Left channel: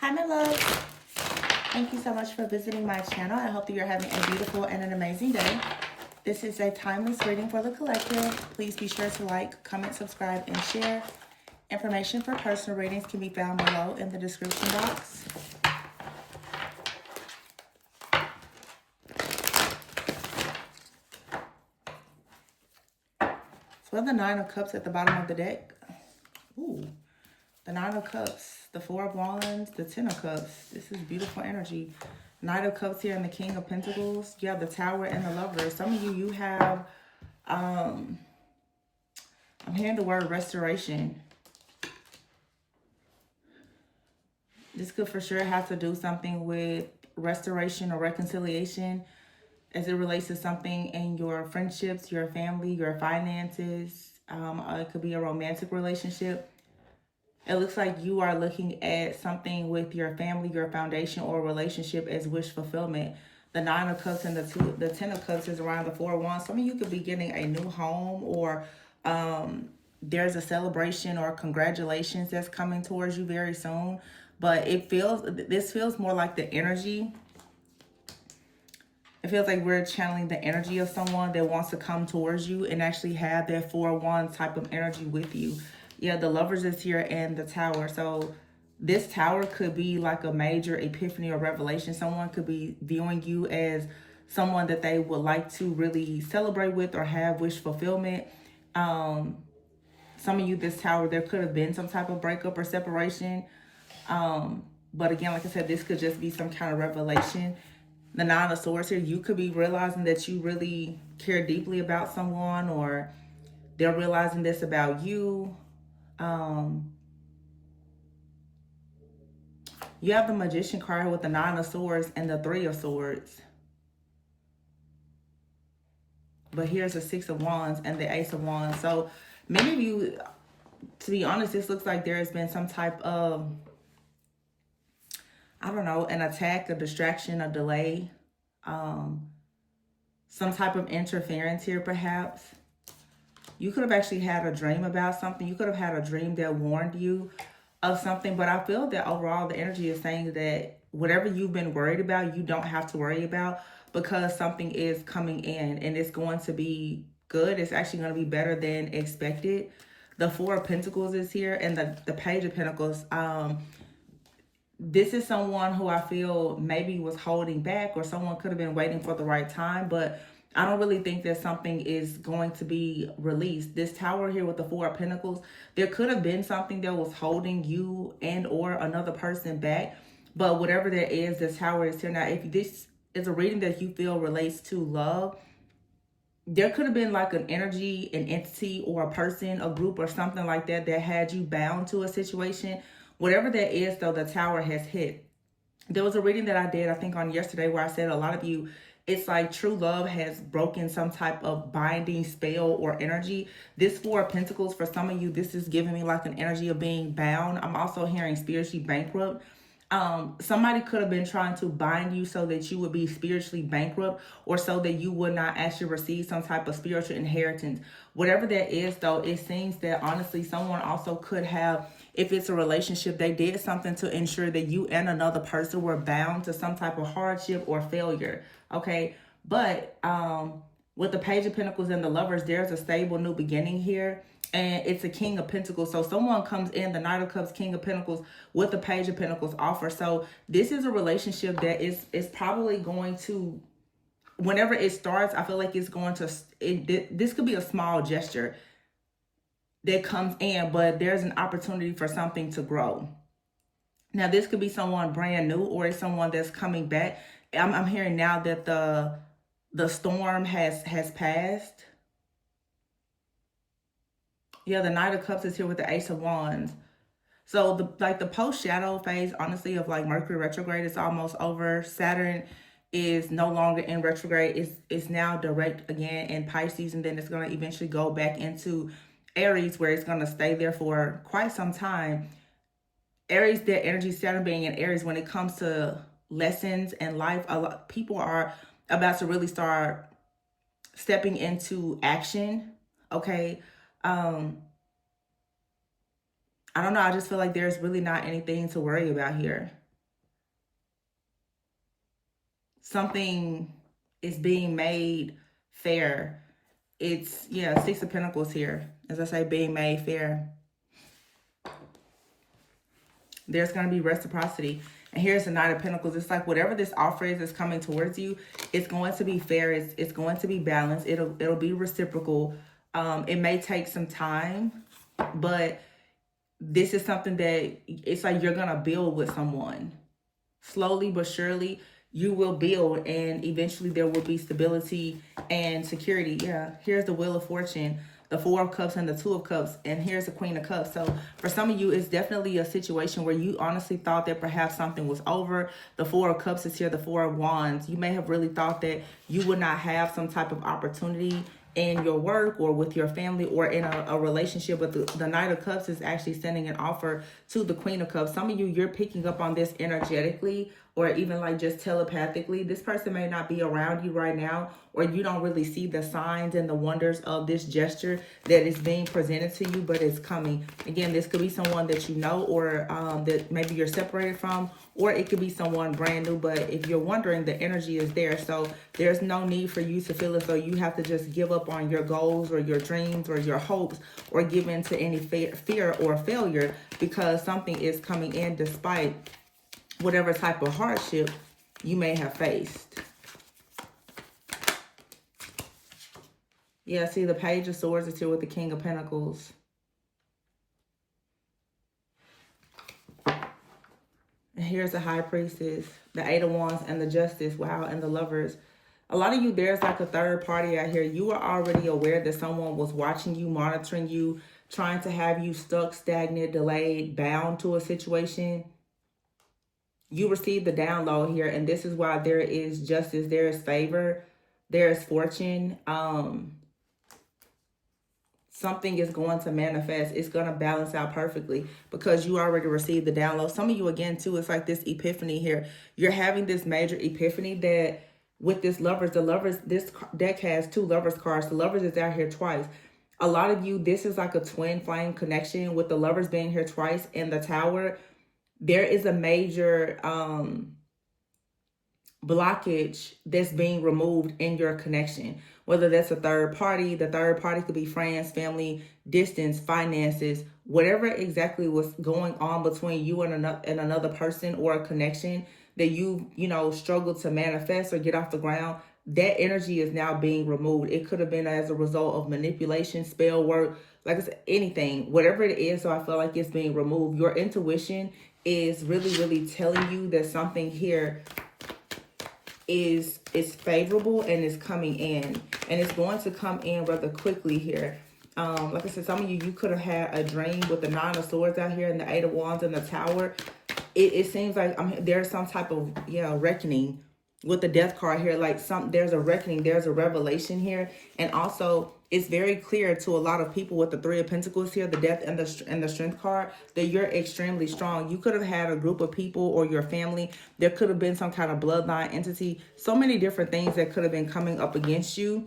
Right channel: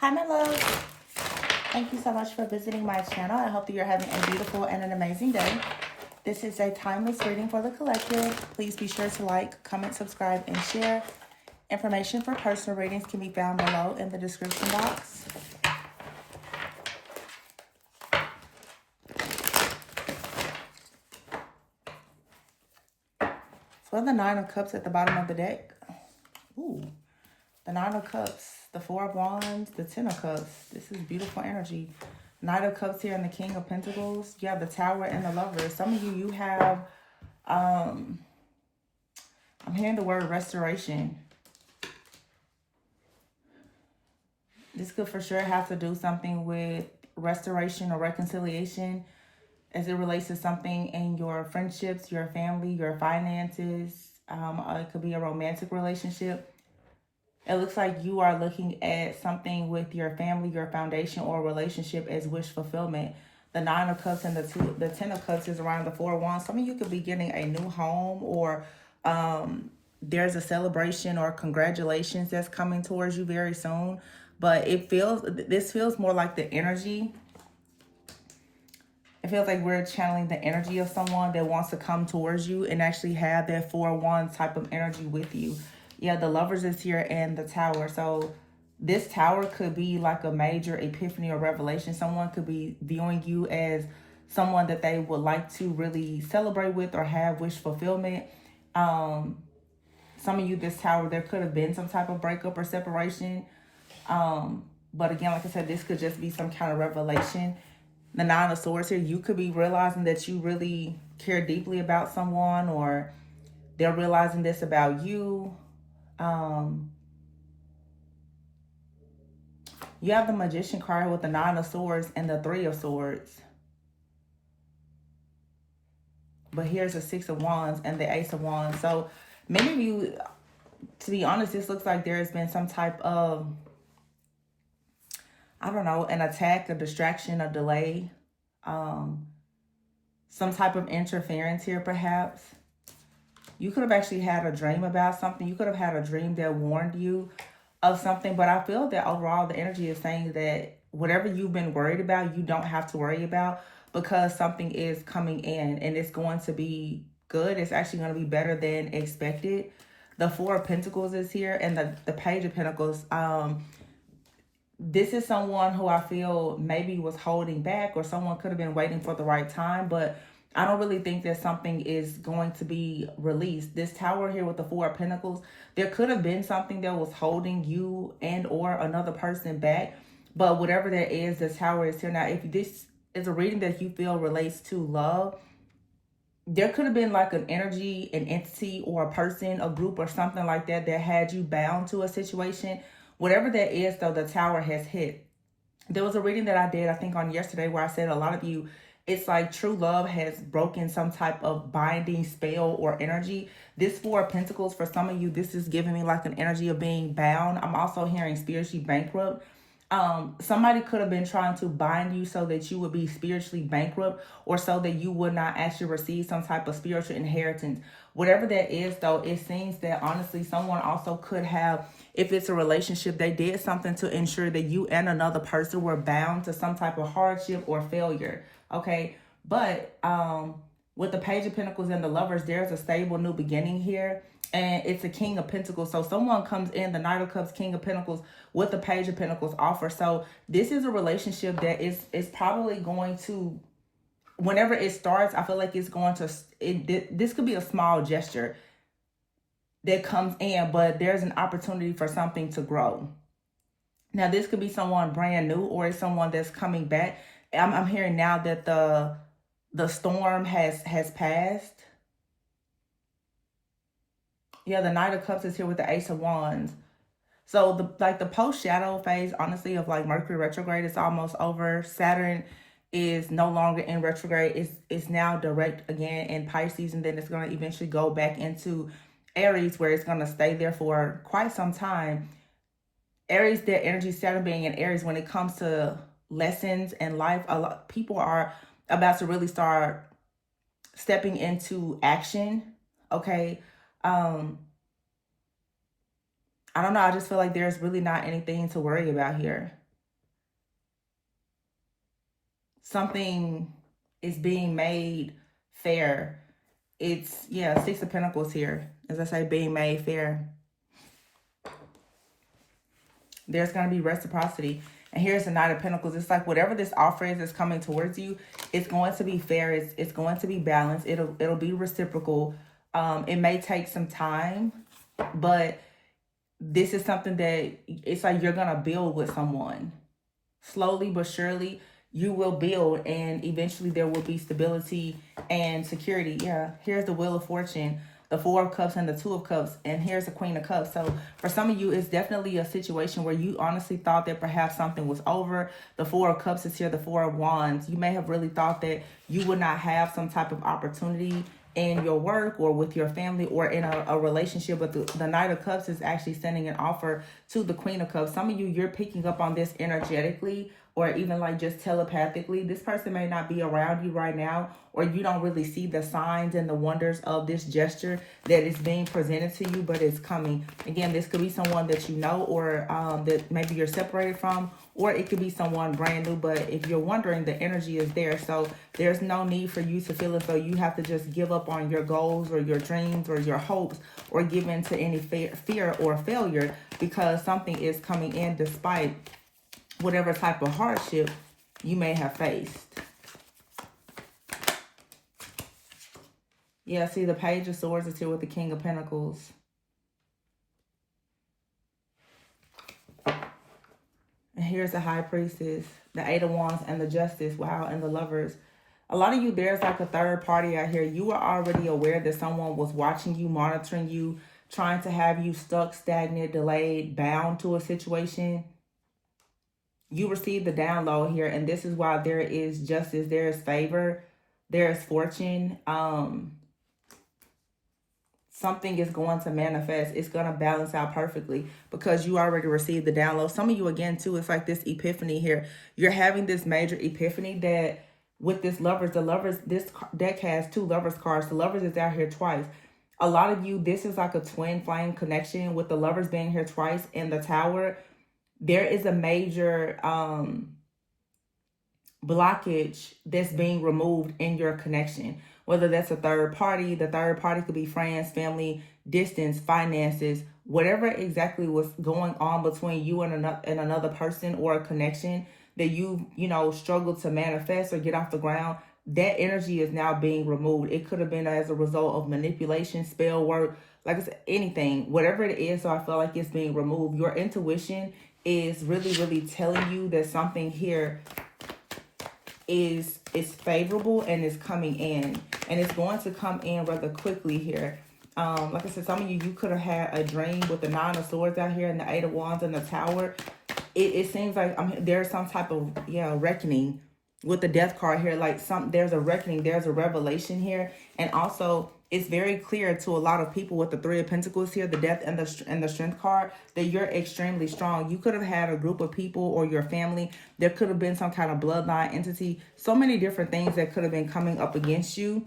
Hi, my love. Thank you so much for visiting my channel. I hope that you're having a beautiful and an amazing day. This is a timeless reading for the collective. Please be sure to like, comment, subscribe, and share. Information for personal readings can be found below in the description box. So we have the Nine of Cups at the bottom of the deck. Ooh, the Nine of Cups, the Four of Wands, the Ten of Cups. This is beautiful energy. Knight of Cups here and the King of Pentacles. You have the Tower and the Lovers. Some of you have, I'm hearing the word restoration. This could for sure have to do something with restoration or reconciliation as it relates to something in your friendships, your family, your finances. It could be a romantic relationship. It looks like you are looking at something with your family, your foundation, or relationship as wish fulfillment. The Nine of Cups and the Ten of Cups is around the Four of Wands. Some of you could be getting a new home, or there's a celebration or congratulations that's coming towards you very soon. But this feels more like the energy. It feels like we're channeling the energy of someone that wants to come towards you and actually have that 4-1 type of energy with you. Yeah, the Lovers is here and the Tower. So this Tower could be like a major epiphany or revelation. Someone could be viewing you as someone that they would like to really celebrate with or have wish fulfillment. Some of you, this Tower, there could have been some type of breakup or separation. But again, like I said, this could just be some kind of revelation. The Nine of Swords here, you could be realizing that you really care deeply about someone, or they're realizing this about you. You have the Magician card with the Nine of Swords and the Three of Swords. But here's the Six of Wands and the Ace of Wands. So many of you, to be honest, this looks like there's been some type of, I don't know, an attack, a distraction, a delay, some type of interference here perhaps. You could have actually had a dream about something. You could have had a dream that warned you of something. But I feel that overall the energy is saying that whatever you've been worried about, you don't have to worry about, because something is coming in and it's going to be good. It's actually going to be better than expected. The Four of Pentacles is here and the Page of Pentacles. This is someone who I feel maybe was holding back, or someone could have been waiting for the right time, but I don't really think that something is going to be released. This Tower here with the Four of Pentacles, there could have been something that was holding you and or another person back, but whatever that is, this Tower is here. Now, if this is a reading that you feel relates to love, there could have been like an energy, an entity, or a person, a group, or something like that that had you bound to a situation. Whatever that is, though, the Tower has hit. There was a reading that I did, I think on yesterday, where I said a lot of you, it's like true love has broken some type of binding spell or energy. This Four of Pentacles, for some of you, this is giving me like an energy of being bound. I'm also hearing spiritually bankrupt. Somebody could have been trying to bind you so that you would be spiritually bankrupt, or so that you would not actually receive some type of spiritual inheritance. Whatever that is, though, it seems that honestly someone also could have, if it's a relationship, they did something to ensure that you and another person were bound to some type of hardship or failure. Okay, but with the Page of Pentacles and the Lovers, there's a stable new beginning here. And it's a King of Pentacles. So someone comes in, the Knight of Cups, King of Pentacles, with the Page of Pentacles offer. So this is a relationship that is probably going to, whenever it starts, I feel like it's going to, this could be a small gesture that comes in, but there's an opportunity for something to grow. Now, this could be someone brand new, or it's someone that's coming back. I'm hearing now that the storm has passed. Yeah, the Knight of Cups is here with the Ace of Wands. So the post-shadow phase, honestly, of like Mercury retrograde is almost over. Saturn is no longer in retrograde. It's now direct again in Pisces, and then it's going to eventually go back into Aries, where it's going to stay there for quite some time. Aries, their energy, Saturn being in Aries, when it comes to lessons in life, a lot of people are about to really start stepping into action. Okay. I don't know. I just feel like there's really not anything to worry about here. something is being made fair. It's, yeah, Six of Pentacles here. As I say, being made fair. There's going to be reciprocity. And here's the Knight of Pentacles. It's like whatever this offer is that's coming towards you, it's going to be fair. It's going to be balanced. It'll be reciprocal. It may take some time, but this is something that it's like you're going to build with someone. Slowly but surely, you will build, and eventually there will be stability and security. Yeah, here's the Wheel of Fortune, the Four of Cups and the Two of Cups, and here's the Queen of Cups. So for some of you, it's definitely a situation where you honestly thought that perhaps something was over. The Four of Cups is here, the Four of Wands. You may have really thought that you would not have some type of opportunity in your work or with your family or in a relationship, but the Knight of Cups is actually sending an offer to the Queen of Cups. Some of you, you're picking up on this energetically, or even like just telepathically. This person may not be around you right now, or you don't really see the signs and the wonders of this gesture that is being presented to you, but it's coming. Again, this could be someone that you know, or that maybe you're separated from, or it could be someone brand new. But if you're wondering, the energy is there. So there's no need for you to feel as though you have to just give up on your goals or your dreams or your hopes, or give in to any fear or failure, because something is coming in despite whatever type of hardship you may have faced. Yeah, see, the Page of Swords is here with the King of Pentacles. And here's the High Priestess, the Eight of Wands, and the Justice. Wow, and the Lovers. A lot of you, there's like a third party out here. You are already aware that someone was watching you, monitoring you, trying to have you stuck, stagnant, delayed, bound to a situation. You received the download here, and this is why there is justice, there is favor, there is fortune. Something is going to manifest. It's going to balance out perfectly because you already received the download. Some of you, again, too, it's like this epiphany here. You're having this major epiphany that with this Lovers, the Lovers, this deck has two Lovers cards. The Lovers is out here twice. A lot of you, this is like a twin flame connection with the Lovers being here twice in the Tower. There is a major blockage that's being removed in your connection, whether that's a third party. The third party could be friends, family, distance, finances, whatever exactly was going on between you and another person, or a connection that you struggled to manifest or get off the ground. That energy is now being removed. It could have been as a result of manipulation, spell work, like I said, anything, whatever it is. So I feel like it's being removed. Your intuition is really, really telling you that something here is favorable and is coming in, and it's going to come in rather quickly here. Like I said, some of you could have had a dream with the Nine of Swords out here and the Eight of Wands and the Tower. It seems like there's some type of reckoning with the Death card here. Like there's a reckoning, there's a revelation here, and also it's very clear to a lot of people with the Three of Pentacles here, the Death and the Strength card, that you're extremely strong. You could have had a group of people or your family. There could have been some kind of bloodline entity. So many different things that could have been coming up against you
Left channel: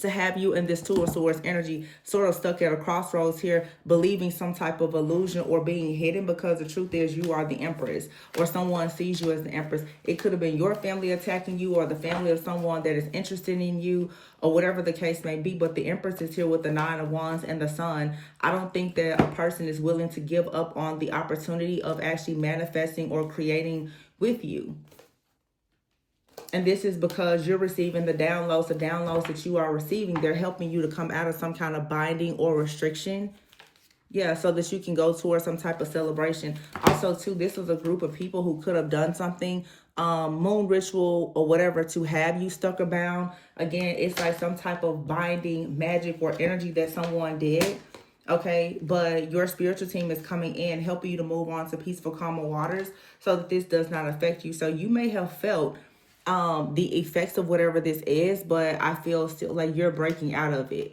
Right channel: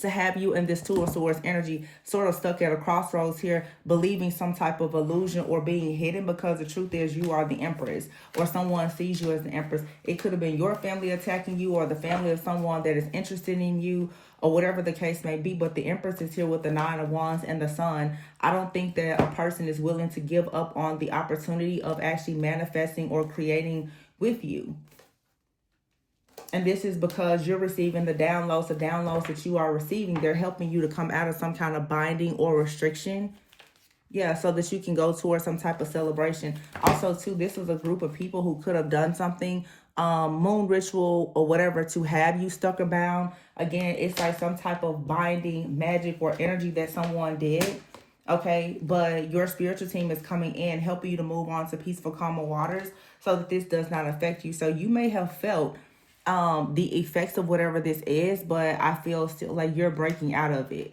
to have you in this Two of Swords energy sort of stuck at a crossroads here, believing some type of illusion or being hidden, because the truth is you are the Empress, or someone sees you as the Empress. It could have been your family attacking you, or the family of someone that is interested in you, or whatever the case may be. But the Empress is here with the Nine of Wands and the Sun. I don't think that a person is willing to give up on the opportunity of actually manifesting or creating with you. And this is because you're receiving the downloads that you are receiving. They're helping you to come out of some kind of binding or restriction. Yeah, so that you can go towards some type of celebration. Also, too, this is a group of people who could have done something, moon ritual or whatever, to have you stuck or bound. Again, it's like some type of binding magic or energy that someone did. Okay, but your spiritual team is coming in, helping you to move on to peaceful, calmer waters so that this does not affect you. So you may have felt the effects of whatever this is, but I feel still like you're breaking out of it.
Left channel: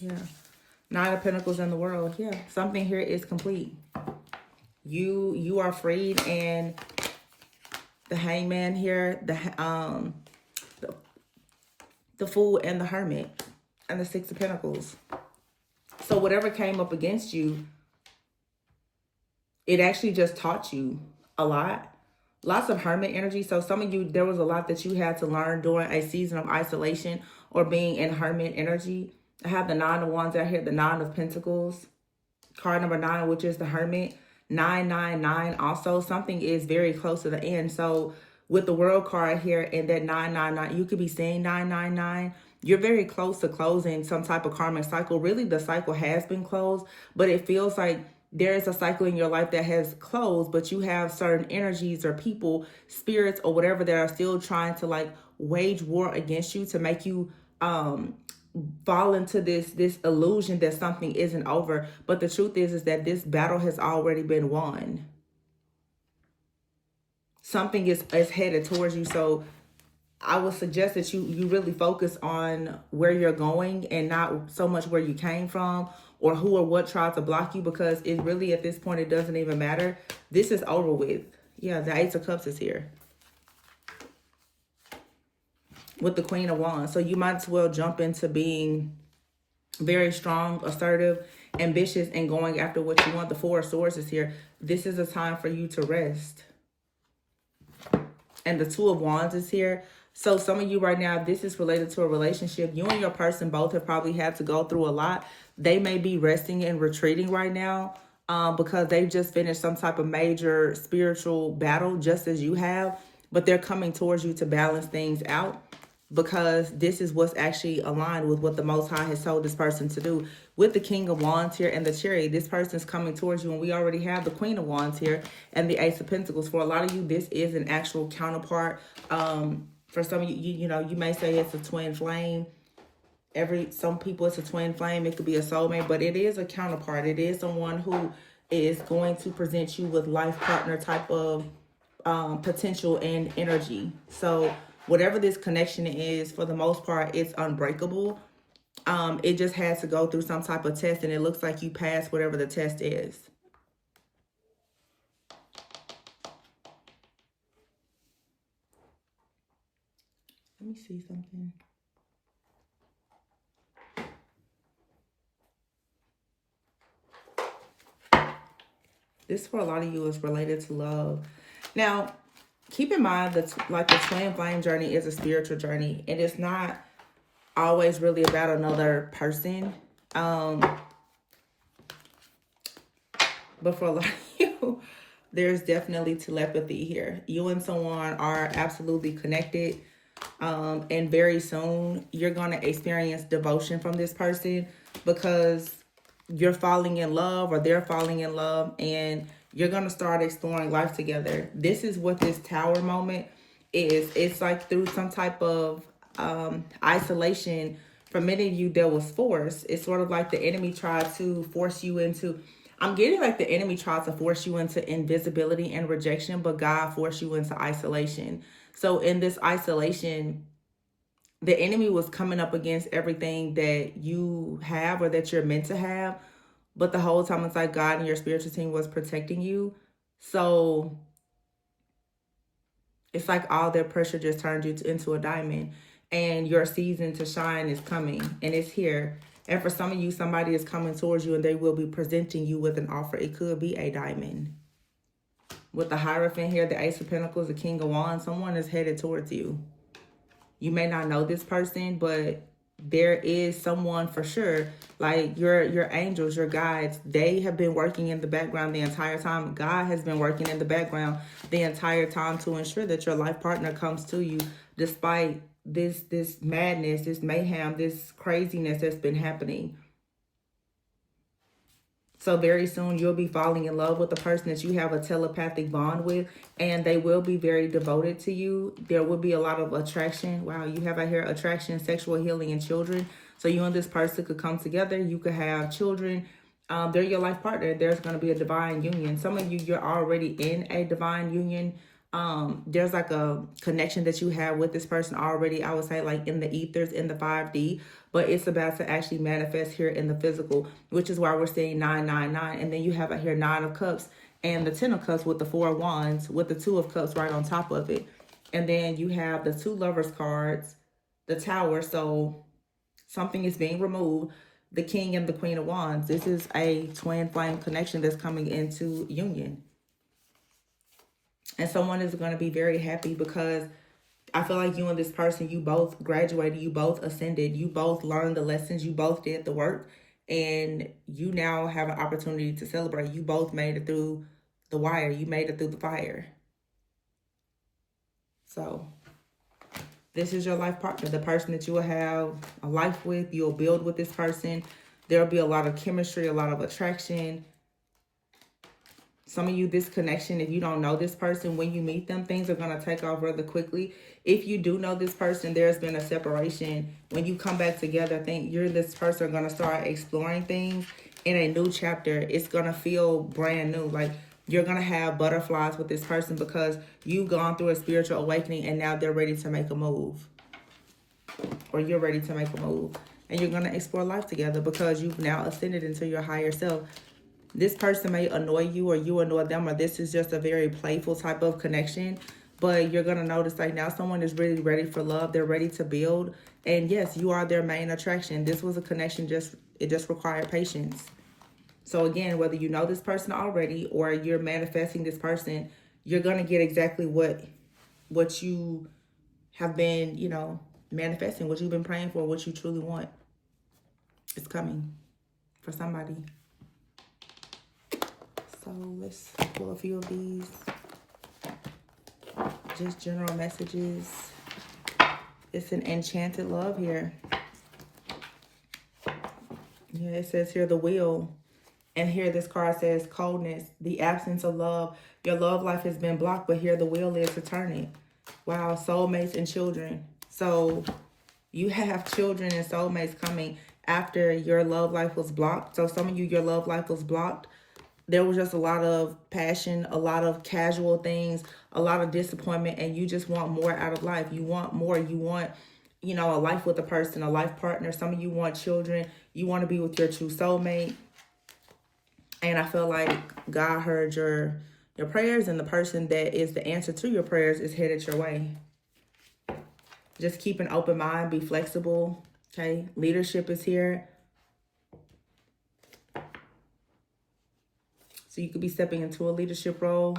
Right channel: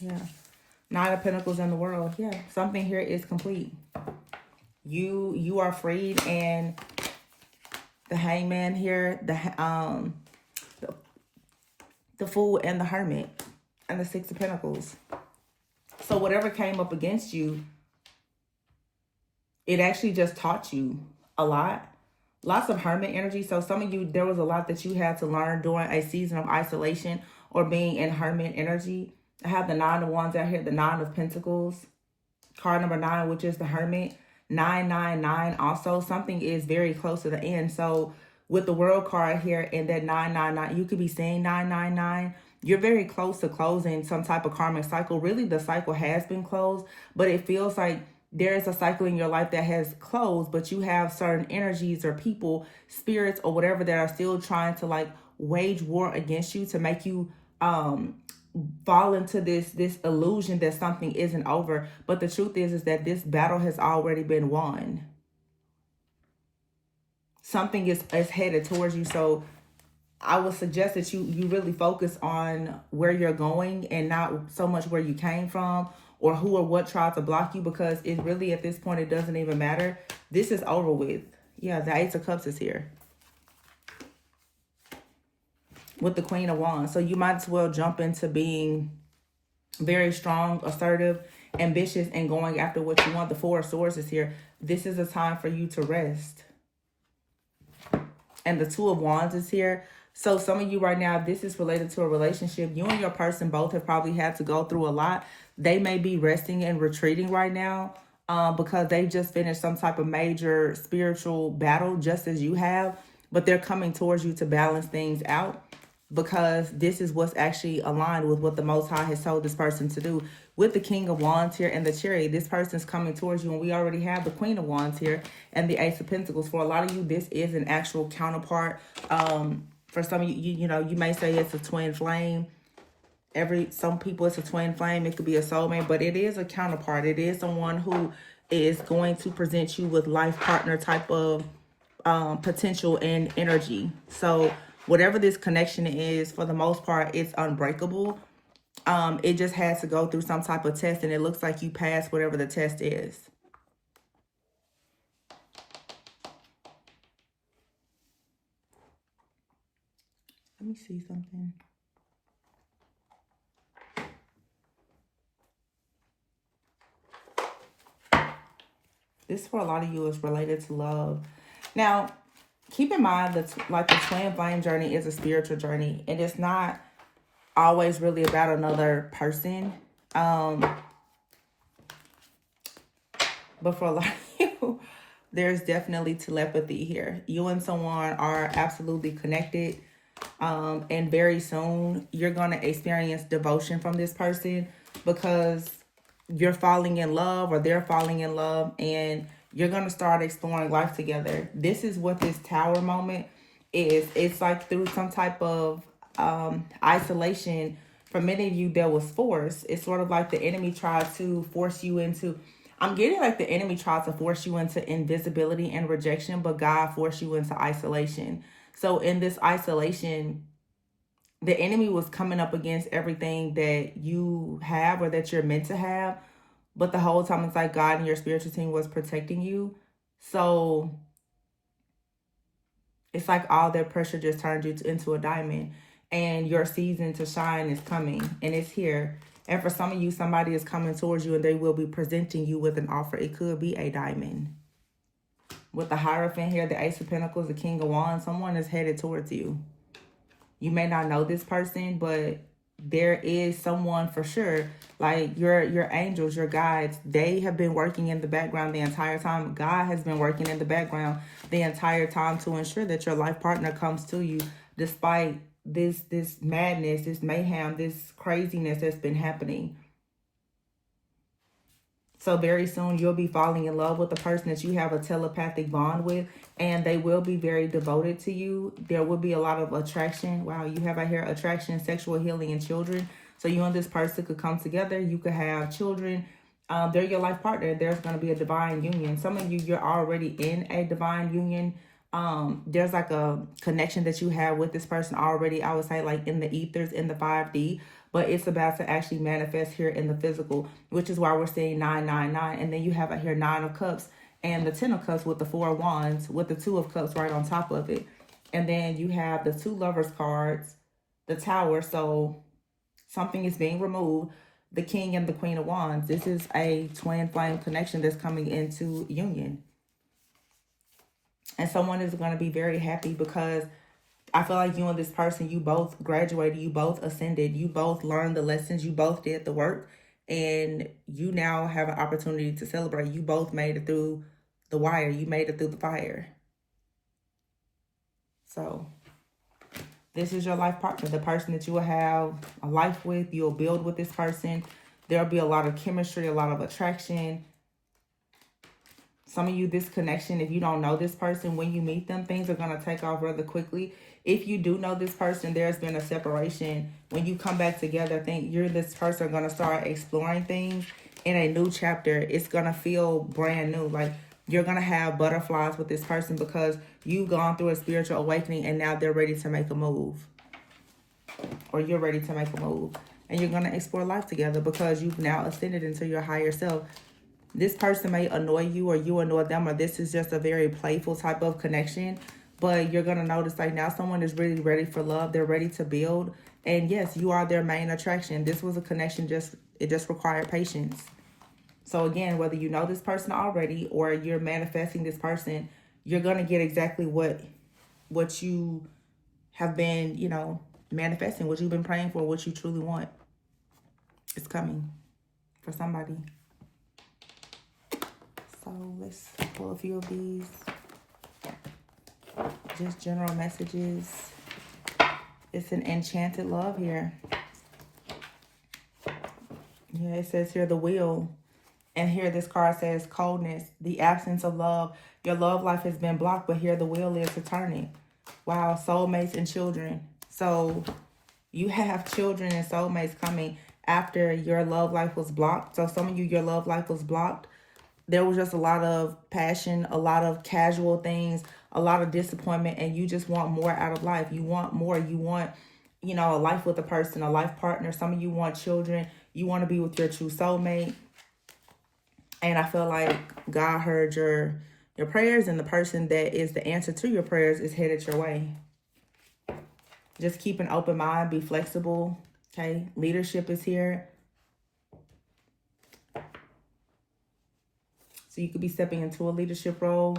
Yeah. Nine of Pentacles in the World. Yeah. Something here is complete. You are freed, and the Hangman here, the Fool and the Hermit and the Six of Pentacles. So whatever came up against you, it actually just taught you a lot. Lots of hermit energy. So some of you, there was a lot that you had to learn during a season of isolation or being in hermit energy. I have the 9 of Wands out here, the 9 of Pentacles. Card number 9, which is the Hermit. 999 also. Something is very close to the end. So with the World card here and that 999, you could be saying 999. You're very close to closing some type of karmic cycle. Really, the cycle has been closed, but it feels like there is a cycle in your life that has closed, but you have certain energies or people, spirits or whatever that are still trying to like wage war against you to make you fall into this illusion that something isn't over. But the truth is that this battle has already been won. Something is headed towards you. So I would suggest that you really focus on where you're going and not so much where you came from or who or what tried to block you, because it really, at this point, it doesn't even matter. This is over with. Yeah, the Ace of Cups is here with the Queen of Wands. So you might as well jump into being very strong, assertive, ambitious, and going after what you want. The Four of Swords is here. This is a time for you to rest. And the Two of Wands is here. So some of you right now, this is related to a relationship. You and your person both have probably had to go through a lot. They may be resting and retreating right now because they've just finished some type of major spiritual battle, just as you have. But they're coming towards you to balance things out, because this is what's actually aligned with what the Most High has told this person to do. With the King of Wands here and the Chariot, this person's coming towards you, and we already have the Queen of Wands here and the Ace of Pentacles. For a lot of you, this is an actual counterpart. For some of you, you know, you may say it's a twin flame. Some people, it's a twin flame. It could be a soulmate, but it is a counterpart. It is someone who is going to present you with life partner type of potential and energy. So whatever this connection is, for the most part, it's unbreakable. It just has to go through some type of test, and it looks like you passed whatever the test is. Let me see something. This, for a lot of you, is related to love. Now, keep in mind that like the twin flame journey is a spiritual journey. It is not always really about another person. But for a lot of you, there's definitely telepathy here. You and someone are absolutely connected. And very soon you're going to experience devotion from this person, because you're falling in love or they're falling in love, and you're going to start exploring life together. This is what this Tower moment is. It's like through some type of isolation. For many of you, there was force. It's sort of like the enemy tried to force you into, I'm getting like the enemy tried to force you into invisibility and rejection, but God forced you into isolation. So in this isolation, the enemy was coming up against everything that you have or that you're meant to have. But the whole time, it's like God and your spiritual team was protecting you. So it's like all that pressure just turned you into a diamond. And your season to shine is coming, and it's here. And for some of you, somebody is coming towards you, and they will be presenting you with an offer. It could be a diamond. With the Hierophant here, the Ace of Pentacles, the King of Wands, someone is headed towards you. You may not know this person, but there is someone for sure. Like your angels, your guides, they have been working in the background the entire time. God has been working in the background the entire time to ensure that your life partner comes to you, despite this madness, this mayhem, this craziness that's been happening. So very soon you'll be falling in love with the person that you have a telepathic bond with, and they will be very devoted to you. There will be a lot of attraction. Wow, you have out here attraction, sexual healing, and children. So you and this person could come together. You could have children. They're your life partner. There's going to be a divine union. Some of you, you're already in a divine union. There's like a connection that you have with this person already, I would say, like in the ethers, in the 5D. But it's about to actually manifest here in the physical, which is why we're seeing 999. And then you have out here 9 of Cups and the 10 of Cups with the 4 of Wands with the 2 of Cups right on top of it. And then you have the 2 Lovers cards, the Tower. So something is being removed. the King and the Queen of Wands. This is a twin flame connection that's coming into union. And someone is going to be very happy because I feel like you and this person, you both graduated, you both ascended, you both learned the lessons, you both did the work, and you now have an opportunity to celebrate. You both made it through the wire. You made it through the fire. So this is your life partner, the person that you will have a life with. You'll build with this person. There'll be a lot of chemistry, a lot of attraction. Some of you, this connection, if you don't know this person, when you meet them, things are going to take off rather quickly. If you do know this person, there's been a separation. When you come back together, think you're this person are going to start exploring things in a new chapter. It's going to feel brand new. Like you're going to have butterflies with this person because you've gone through a spiritual awakening and now they're ready to make a move. Or you're ready to make a move. And you're going to explore life together because you've now ascended into your higher self. This person may annoy you or you annoy them, or this is just a very playful type of connection. But you're going to notice like now someone is really ready for love. They're ready to build. And yes, you are their main attraction. This was a connection, it just required patience. So again, whether you know this person already or you're manifesting this person, you're going to get exactly what you have been, you know, manifesting, what you've been praying for, what you truly want. It's coming for somebody. So let's pull a few of these. Just general messages. It's an enchanted love here. Yeah, it says here the wheel. And here this card says coldness, the absence of love. Your love life has been blocked, but here the wheel is to turn it. Wow, soulmates and children. So you have children and soulmates coming after your love life was blocked. So some of you, your love life was blocked. There was just a lot of passion, a lot of casual things, a lot of disappointment, and you just want more out of life. You want more. You want, you know, a life with a person, a life partner. Some of you want children. You want to be with your true soulmate. And I feel like God heard your prayers, and the person that is the answer to your prayers is headed your way. Just keep an open mind, be flexible, okay? Leadership is here. So you could be stepping into a leadership role.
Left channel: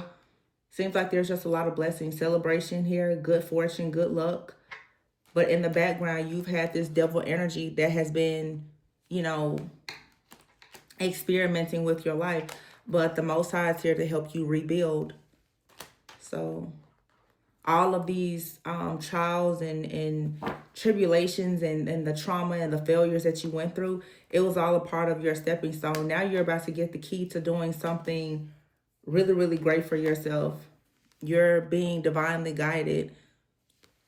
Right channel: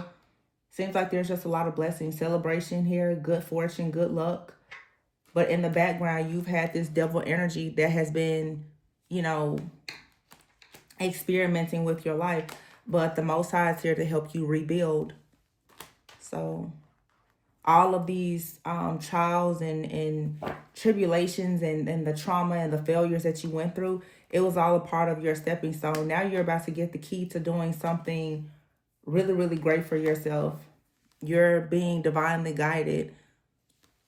Seems like there's just a lot of blessings, celebration here, good fortune, good luck. But in the background, you've had this devil energy that has been, you know, experimenting with your life, but the Most High is here to help you rebuild. So all of these trials and tribulations and the trauma and the failures that you went through, it was all a part of your stepping stone. Now you're about to get the key to doing something really, really great for yourself. You're being divinely guided.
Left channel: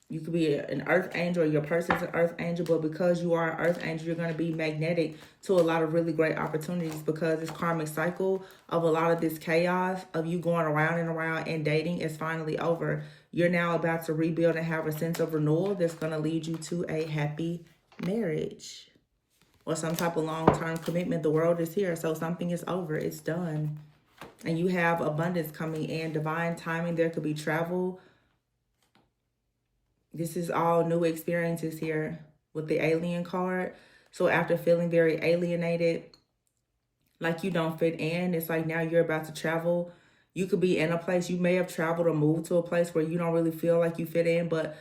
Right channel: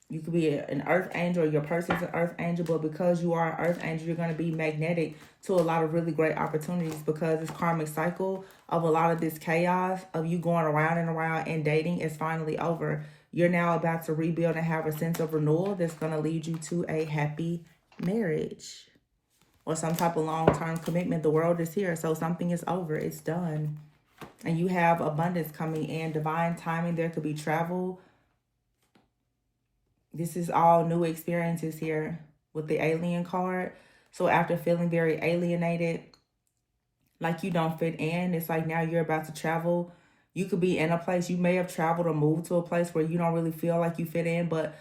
You could be an earth angel, or your person's an earth angel, but because you are an earth angel, you're going to be magnetic to a lot of really great opportunities because this karmic cycle of a lot of this chaos of you going around and around and dating is finally over. You're now about to rebuild and have a sense of renewal that's going to lead you to a happy marriage or some type of long-term commitment. The world is here, so something is over. It's done. And you have abundance coming in, divine timing. There could be travel. This is all new experiences here with the alien card. So after feeling very alienated, like you don't fit in, it's like now you're about to travel. You could be in a place, you may have traveled or moved to a place where you don't really feel like you fit in, but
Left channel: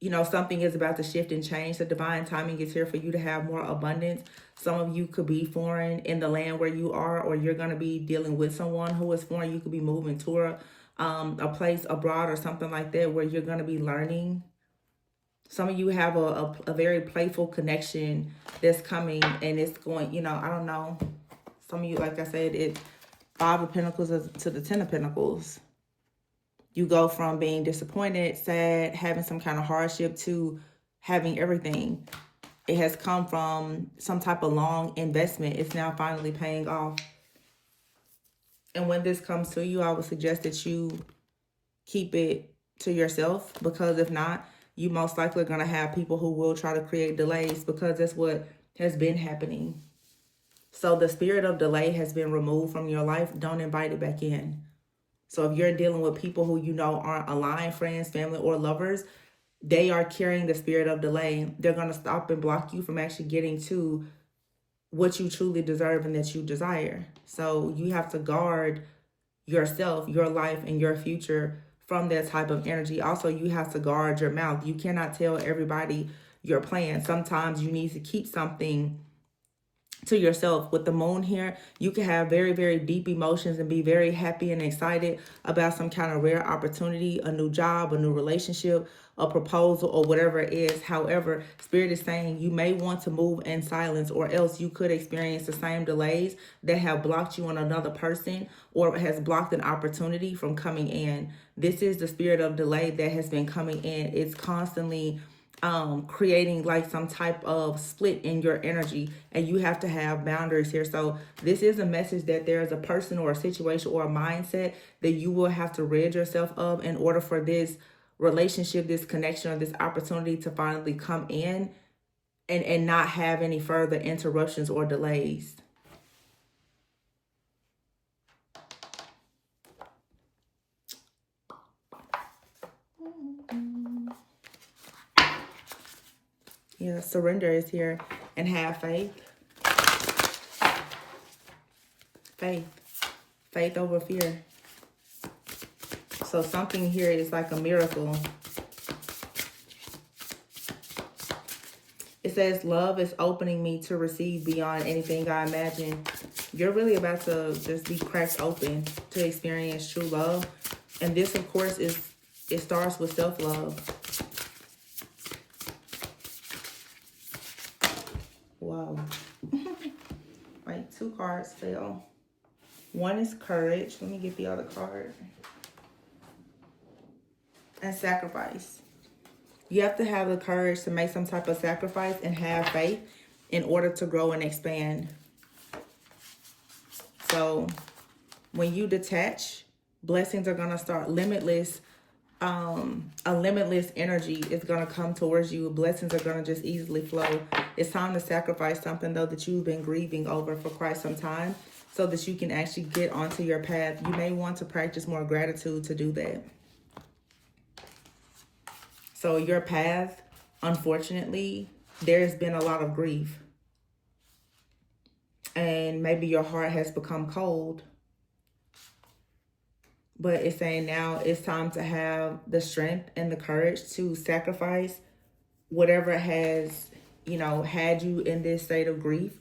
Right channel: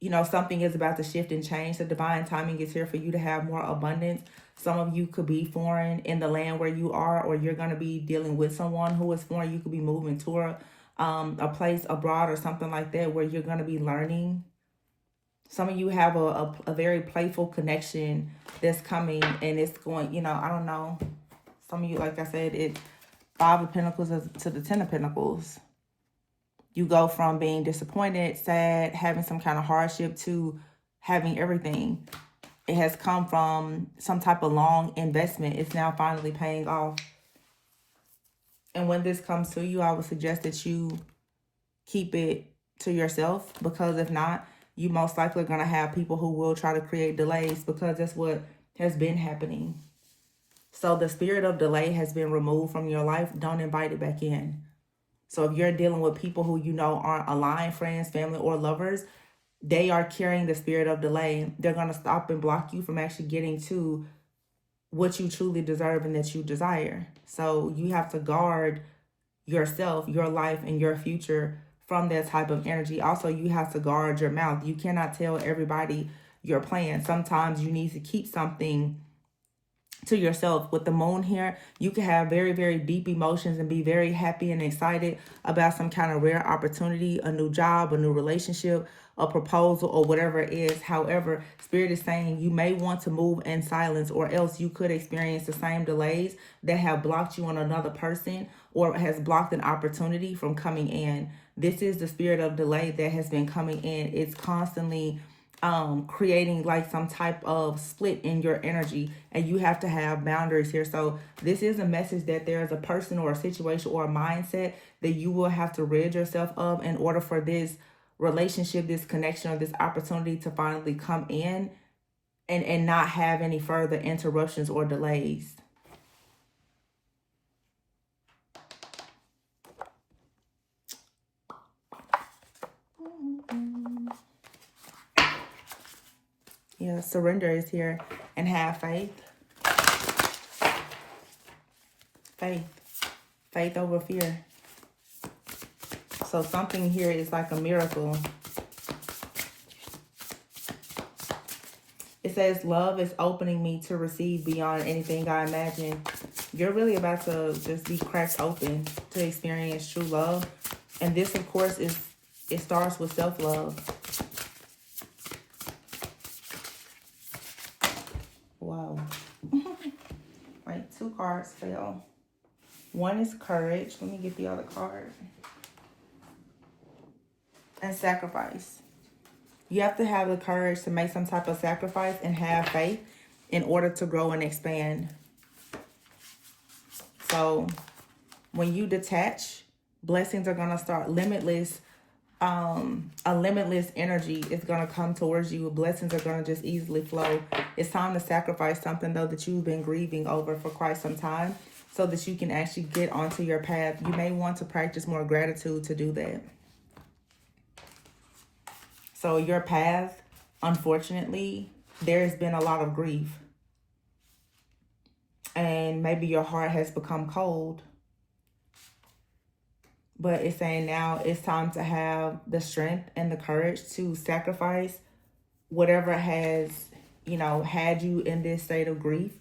you know, something is about to shift and change. The divine timing is here for you to have more abundance. Some of you could be foreign in the land where you are, or you're going to be dealing with someone who is foreign. You could be moving to a place abroad or something like that where you're going to be learning. Some of you have a very playful connection that's coming, and it's going, you know, I don't know. Some of you, like I said, it's 5 of Pentacles to the 10 of Pentacles. You go from being disappointed, sad, having some kind of hardship to having everything. It has come from some type of long investment. It's now finally paying off. And when this comes to you, I would suggest that you keep it to yourself, because if not, you most likely are going to have people who will try to create delays, because that's what has been happening. So the spirit of delay has been removed from your life. Don't invite it back in. So if you're dealing with people who you know aren't aligned, friends, family, or lovers, they are carrying the spirit of delay. They're going to stop and block you from actually getting to what you truly deserve and that you desire. So you have to guard yourself, your life, and your future from that type of energy. Also, you have to guard your mouth. You cannot tell everybody your plan. Sometimes you need to keep something to yourself. With the moon here, you can have very, very deep emotions and be very happy and excited about some kind of rare opportunity, a new job, a new relationship, a proposal, or whatever it is. However, Spirit is saying you may want to move in silence, or else you could experience the same delays that have blocked you on another person or has blocked an opportunity from coming in. This is the spirit of delay that has been coming in. It's constantly creating like some type of split in your energy, and you have to have boundaries here. So this is a message that there's a person or a situation or a mindset that you will have to rid yourself of in order for this relationship, this connection, or this opportunity to finally come in and not have any further interruptions or delays. Yeah, surrender is here, and have faith. Faith over fear. So something here is like a miracle. It says, love is opening me to receive beyond anything I imagine. You're really about to just be cracked open to experience true love. And this, of course, it starts with self-love. Wow. Wait, 2 cards fell. One is courage. Let me get the other card. And sacrifice. You have to have the courage to make some type of sacrifice and have faith in order to grow and expand. So when you detach, blessings are going to start. Limitless, a limitless energy is going to come towards you. Blessings are going to just easily flow. It's time to sacrifice something, though, that you've been grieving over for quite some time, so that you can actually get onto your path. You may want to practice more gratitude to do that. So your path, unfortunately, there's been a lot of grief. And maybe your heart has become cold. But it's saying now it's time to have the strength and the courage to sacrifice whatever has, had you in this state of grief.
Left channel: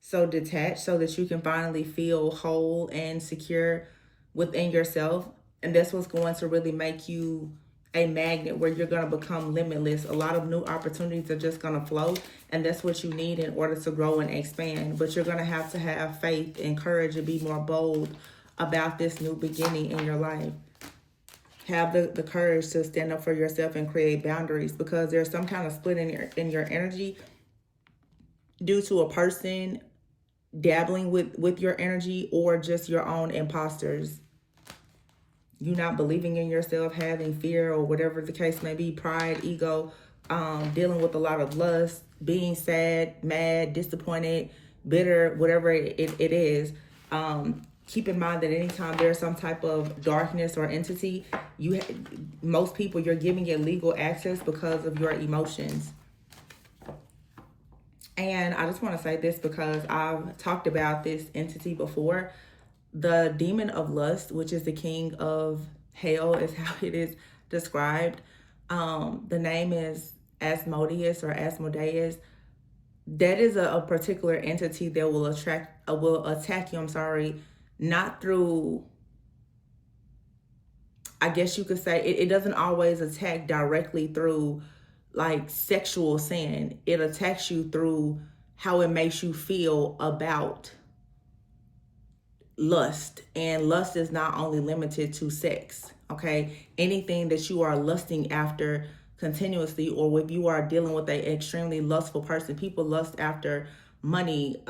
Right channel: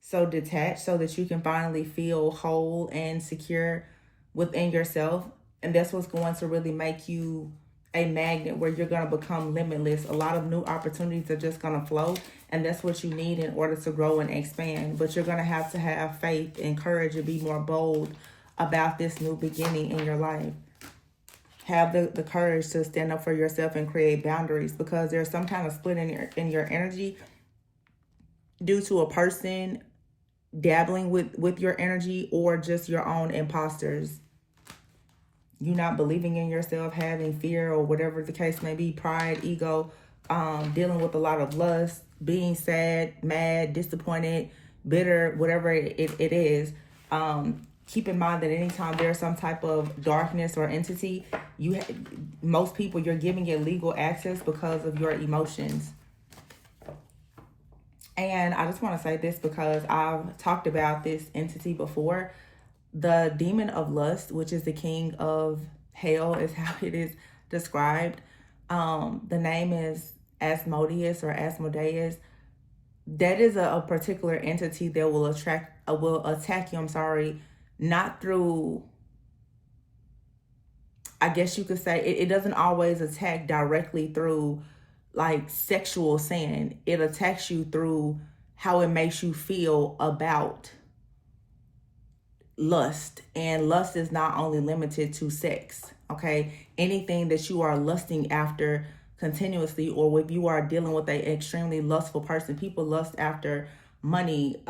So detach so that you can finally feel whole and secure within yourself. And that's what's going to really make you a magnet, where you're going to become limitless. A lot of new opportunities are just going to flow, and that's what you need in order to grow and expand. But you're going to have faith and courage and be more bold about this new beginning in your life. Have the courage to stand up for yourself and create boundaries, because there's some kind of split in your energy due to a person dabbling with your energy, or just your own imposters. You not believing in yourself, having fear, or whatever the case may be, pride, ego, dealing with a lot of lust, being sad, mad, disappointed, bitter, whatever it is. Keep in mind that anytime there's some type of darkness or entity, most people, you're giving it legal access because of your emotions. And I just want to say this because I've talked about this entity before. The demon of lust, which is the king of hell, is how it is described. The name is Asmodeus or Asmodeus. That is a particular entity that will attack you, not through, I guess you could say, it doesn't always attack directly through like sexual sin. It attacks you through how it makes you feel about lust. And lust is not only limited to sex, okay? Anything that you are lusting after continuously, or if you are dealing with an extremely lustful person. People lust after money,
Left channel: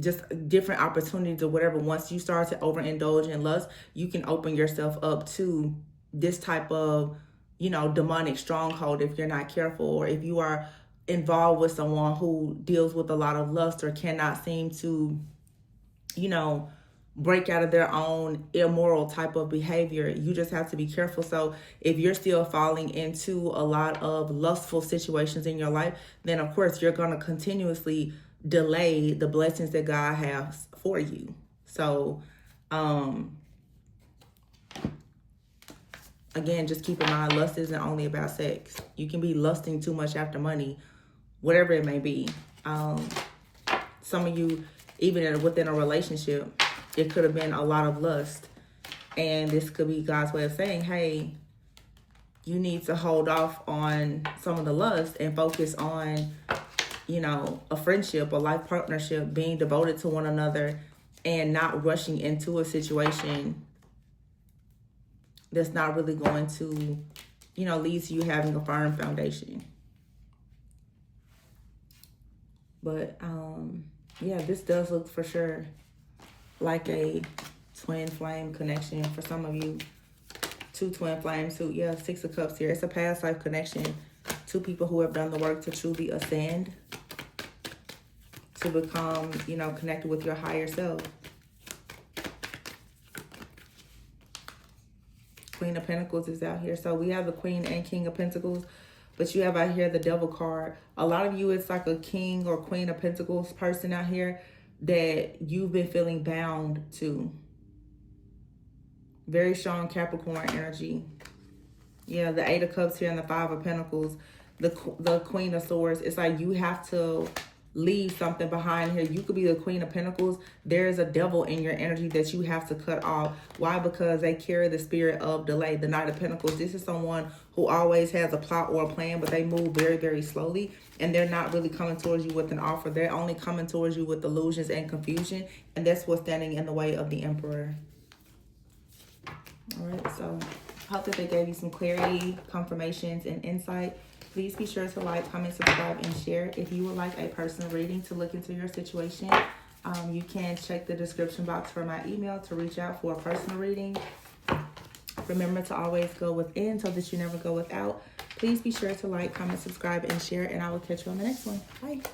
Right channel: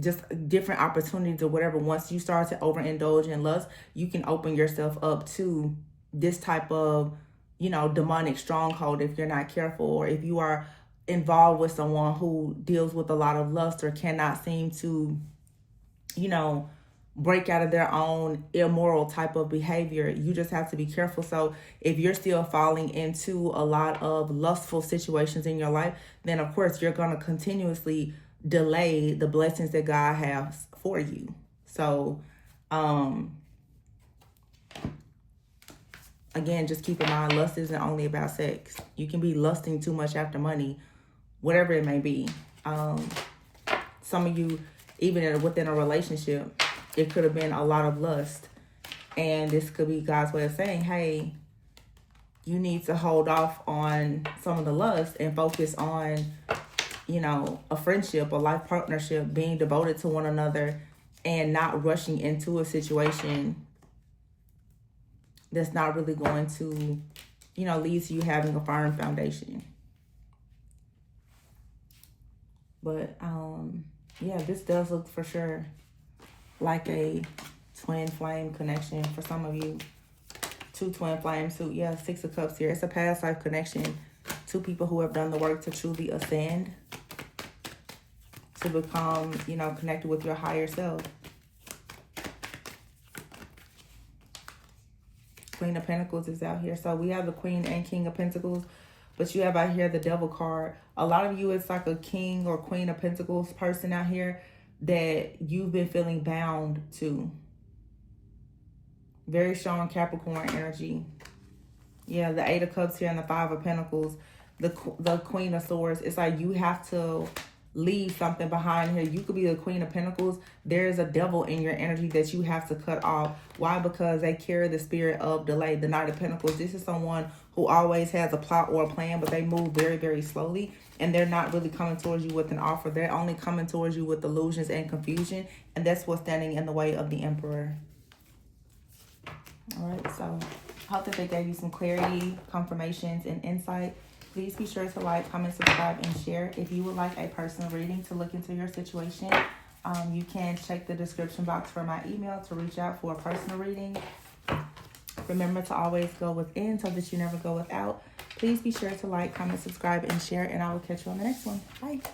just different opportunities or whatever. Once you start to overindulge in lust, you can open yourself up to this type of, demonic stronghold if you're not careful, or if you are involved with someone who deals with a lot of lust or cannot seem to, break out of their own immoral type of behavior. You just have to be careful. So if you're still falling into a lot of lustful situations in your life, then of course you're going to continuously delay the blessings that God has for you. So again, just keep in mind, lust isn't only about sex. You can be lusting too much after money, whatever it may be. Some of you, even within a relationship, it could have been a lot of lust. And this could be God's way of saying, hey, you need to hold off on some of the lust and focus on, you know, a friendship, a life partnership, being devoted to one another and not rushing into a situation that's not really going to, you know, lead to you having a firm foundation. But, yeah, this does look for sure like a twin flame connection for some of you. Two twin flames, too. Yeah, Six of Cups here. It's a past life connection. Two people who have done the work to truly ascend, to become, you know, connected with your higher self. Queen of Pentacles is out here. So we have the Queen and King of Pentacles, but you have out here the Devil card. A lot of you, it's like a King or Queen of Pentacles person out here that you've been feeling bound to. Very strong Capricorn energy. Yeah, the Eight of Cups here and the Five of Pentacles. The Queen of Swords. It's like you have to leave something behind here. You could be the Queen of Pentacles. There is a devil in your energy that you have to cut off. Why? Because they carry the spirit of delay. The Knight of Pentacles. This is someone who always has a plot or a plan, but they move very, very slowly. And they're not really coming towards you with an offer. They're only coming towards you with illusions and confusion. And that's what's standing in the way of the Emperor. All right, so I hope that they gave you some clarity, confirmations, and insight. Please be sure to like, comment, subscribe, and share. If you would like a personal reading to look into your situation, you can check the description box for my email to reach out for a personal reading. Remember to always go within so that you never go without. Please be sure to like, comment, subscribe, and share, and I will catch you on the next one. Bye.